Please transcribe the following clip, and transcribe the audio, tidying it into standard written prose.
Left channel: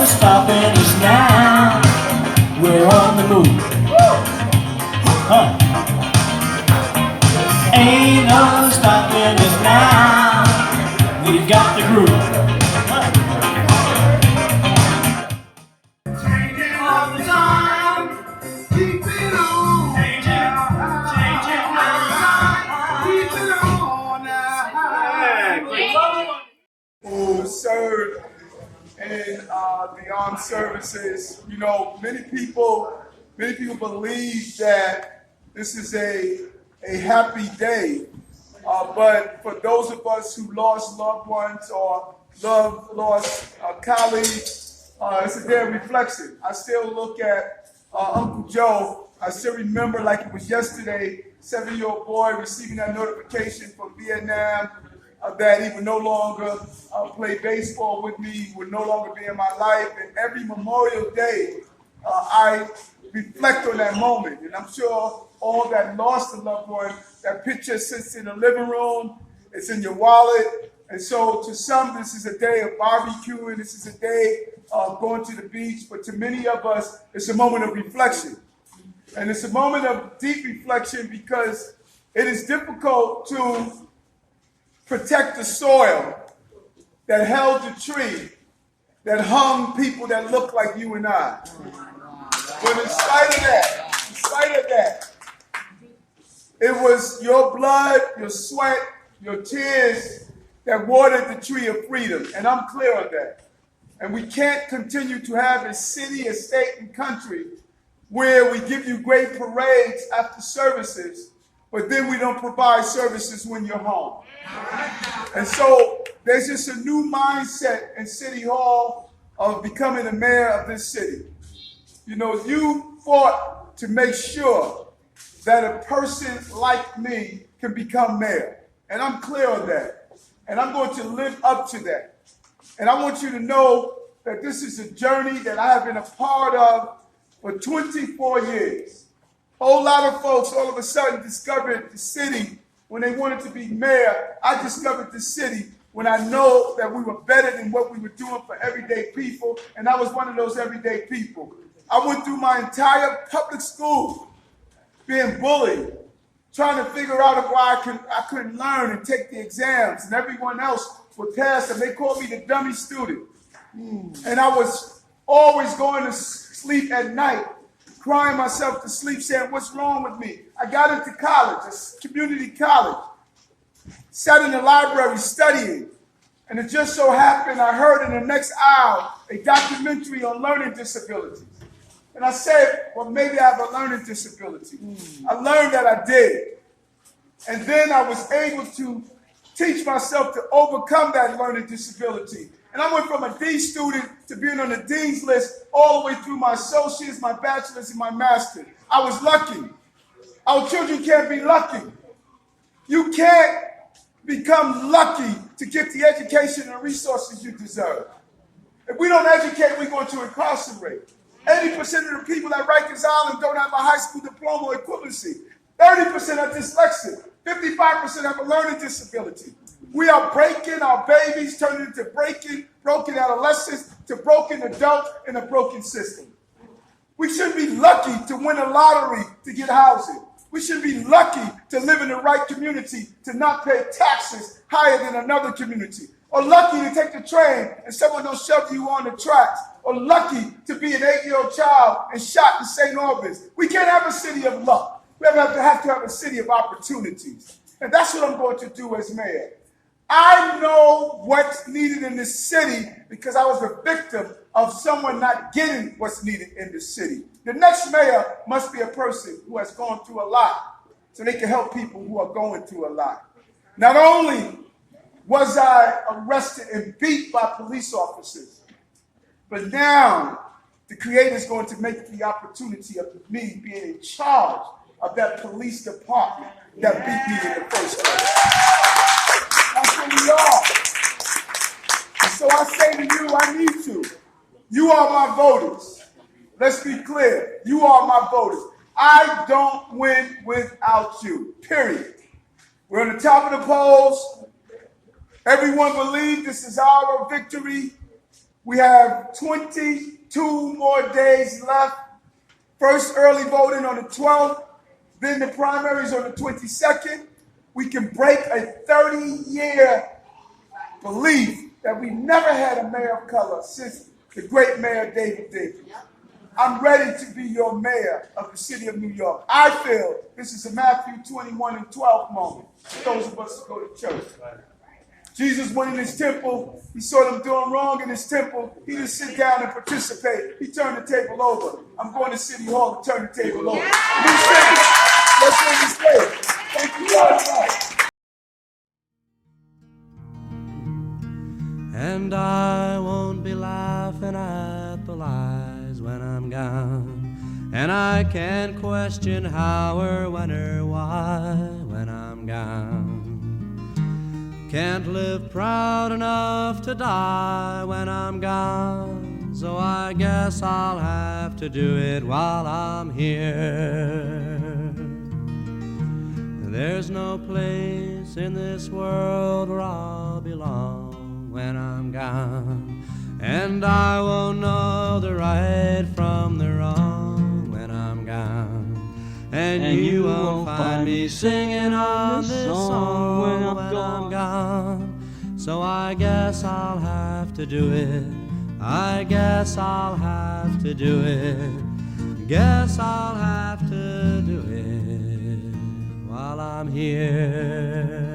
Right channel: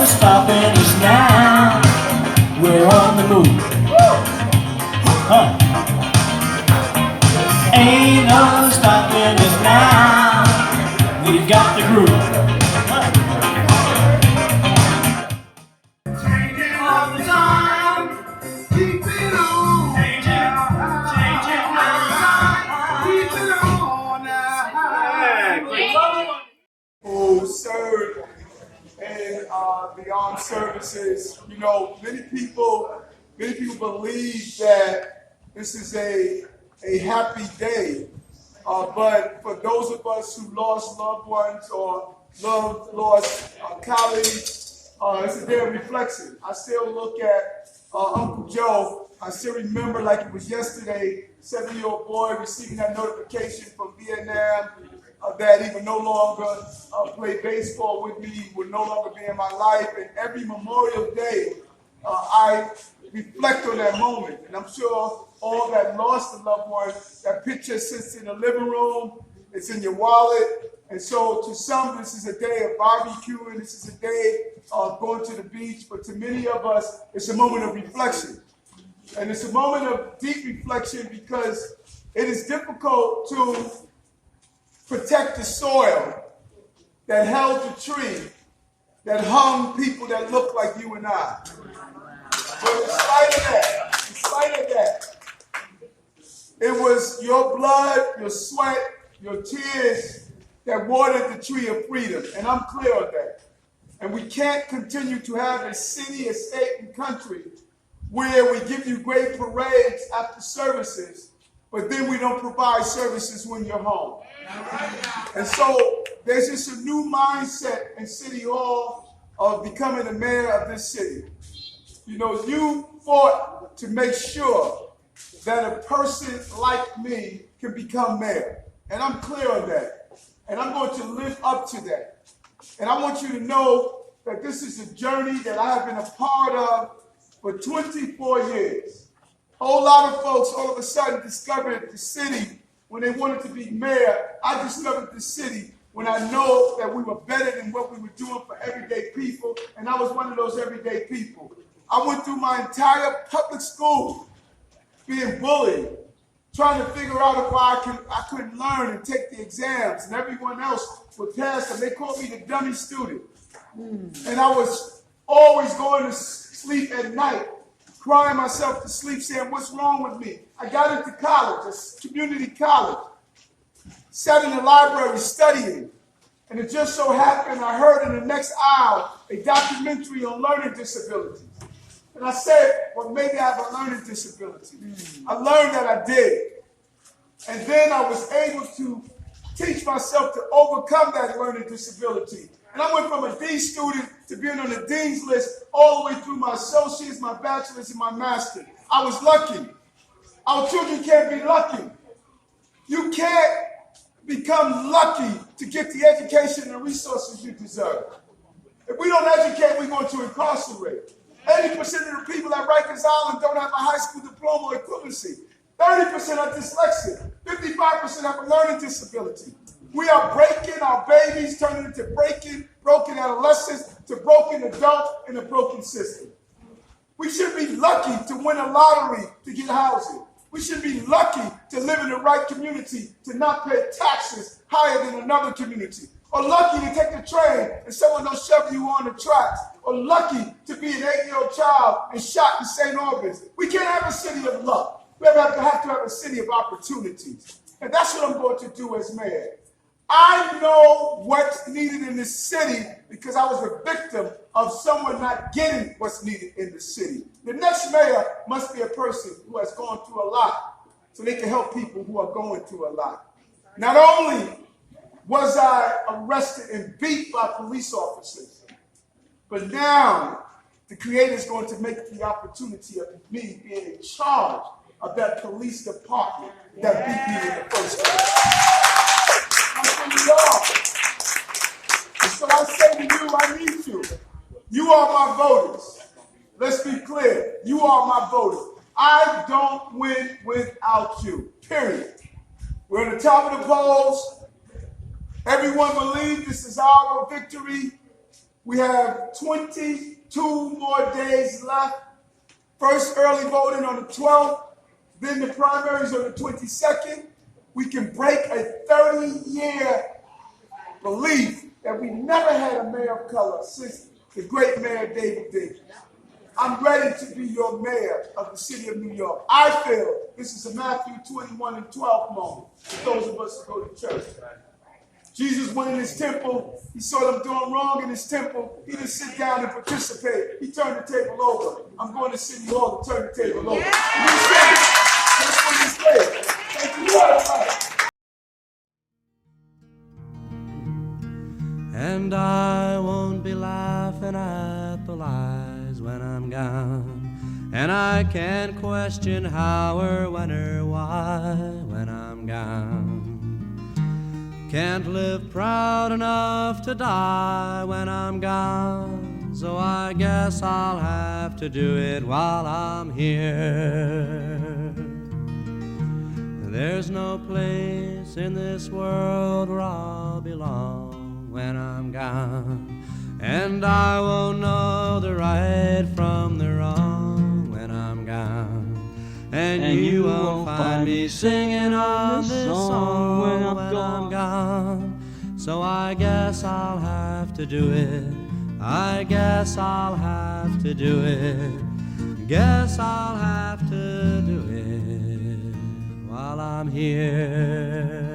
no stopping us now. We're on the move. Huh. Ain't no stopping us now. We've got the groove. Changing all the time. Keep it on. Changing all the time. Keep it on now. Who serve in the armed services. You know, many people believe that this is a happy day, but for those of us who lost loved ones or lost colleagues, it's a day of reflection. I still look at Uncle Joe. I still remember like it was yesterday, 7-year-old boy receiving that notification from Vietnam that he would no longer play baseball with me, would no longer be in my life. And every Memorial Day, I reflect on that moment. And I'm sure all that lost a loved one, that picture sits in the living room, it's in your wallet. And so to some, this is a day of barbecuing, this is a day of going to the beach. But to many of us, it's a moment of reflection. And it's a moment of deep reflection because it is difficult to protect the soil that held the tree, that hung people that look like you and I. But in spite of that, it was your blood, your sweat, your tears that watered the tree of freedom. And I'm clear on that. And we can't continue to have a city, a state, and country where we give you great parades after services, but then we don't provide services when you're home. And so there's just a new mindset in City Hall of becoming the mayor of this city. You know, you fought to make sure that a person like me can become mayor. And I'm clear on that. And I'm going to live up to that. And I want you to know that this is a journey that I have been a part of for 24 years. A whole lot of folks all of a sudden discovered the city when they wanted to be mayor. I discovered the city when I know that we were better than what we were doing for everyday people, and I was one of those everyday people. I went through my entire public school being bullied, trying to figure out why I couldn't learn and take the exams, and everyone else would pass them. They called me the dummy student. And I was always going to sleep at night, crying myself to sleep, saying, what's wrong with me? I got into college, a community college, sat in the library studying, and it just so happened I heard in the next aisle a documentary on learning disabilities. And I said, well, maybe I have a learning disability. I learned that I did. And then I was able to teach myself to overcome that learning disability. And I went from a D student to being on the Dean's list all the way through my associates, my bachelor's, and my master's. I was lucky. Our children can't be lucky. You can't become lucky to get the education and resources you deserve. If we don't educate, we're going to incarcerate. 80% of the people at Rikers Island don't have a high school diploma or equivalency. 30% are dyslexic. 55% have a learning disability. We are breaking our babies, turning into broken adolescents to broken adults in a broken system. We should be lucky to win a lottery to get housing. We should be lucky to live in the right community, to not pay taxes higher than another community. Or lucky to take the train and someone don't shove you on the tracks. Or lucky to be an 8-year-old child and shot in St. Albans. We can't have a city of luck. We have to have a city of opportunities. And that's what I'm going to do as mayor. I know what's needed in this city because I was a victim of someone not getting what's needed in the city. The next mayor must be a person who has gone through a lot so they can help people who are going through a lot. Not only was I arrested and beat by police officers, but now the Creator is going to make the opportunity of me being in charge of that police department that beat me in the first place. That's who we are. And so I say to you, I need you. You are my voters. Let's be clear. You are my voters. I don't win without you, period. We're on the top of the polls. Everyone believes this is our victory. We have 22 more days left. First early voting on the 12th, then the primaries on the 22nd. We can break a 30-year belief that we never had a mayor of color since the great Mayor David Dinkins. I'm ready to be your mayor of the city of New York. I feel this is a Matthew 21:12 moment for those of us who go to church. Jesus went in his temple. He saw them doing wrong in his temple. He didn't sit down and participate. He turned the table over. I'm going to City Hall to turn the table over. Let's win this day. Thank you very much. And I won't be laughing at the lies when I'm gone. And I can't question how or when or why when I'm gone. Can't live proud enough to die when I'm gone. So I guess I'll have to do it while I'm here. There's no place in this world where I'll belong when I'm gone. And I won't know the right from the wrong when I'm gone. And you won't find me singing on this song when I'm gone. So I guess I'll have to do it. I guess I'll have to do it. Guess I'll have to do it while I'm here.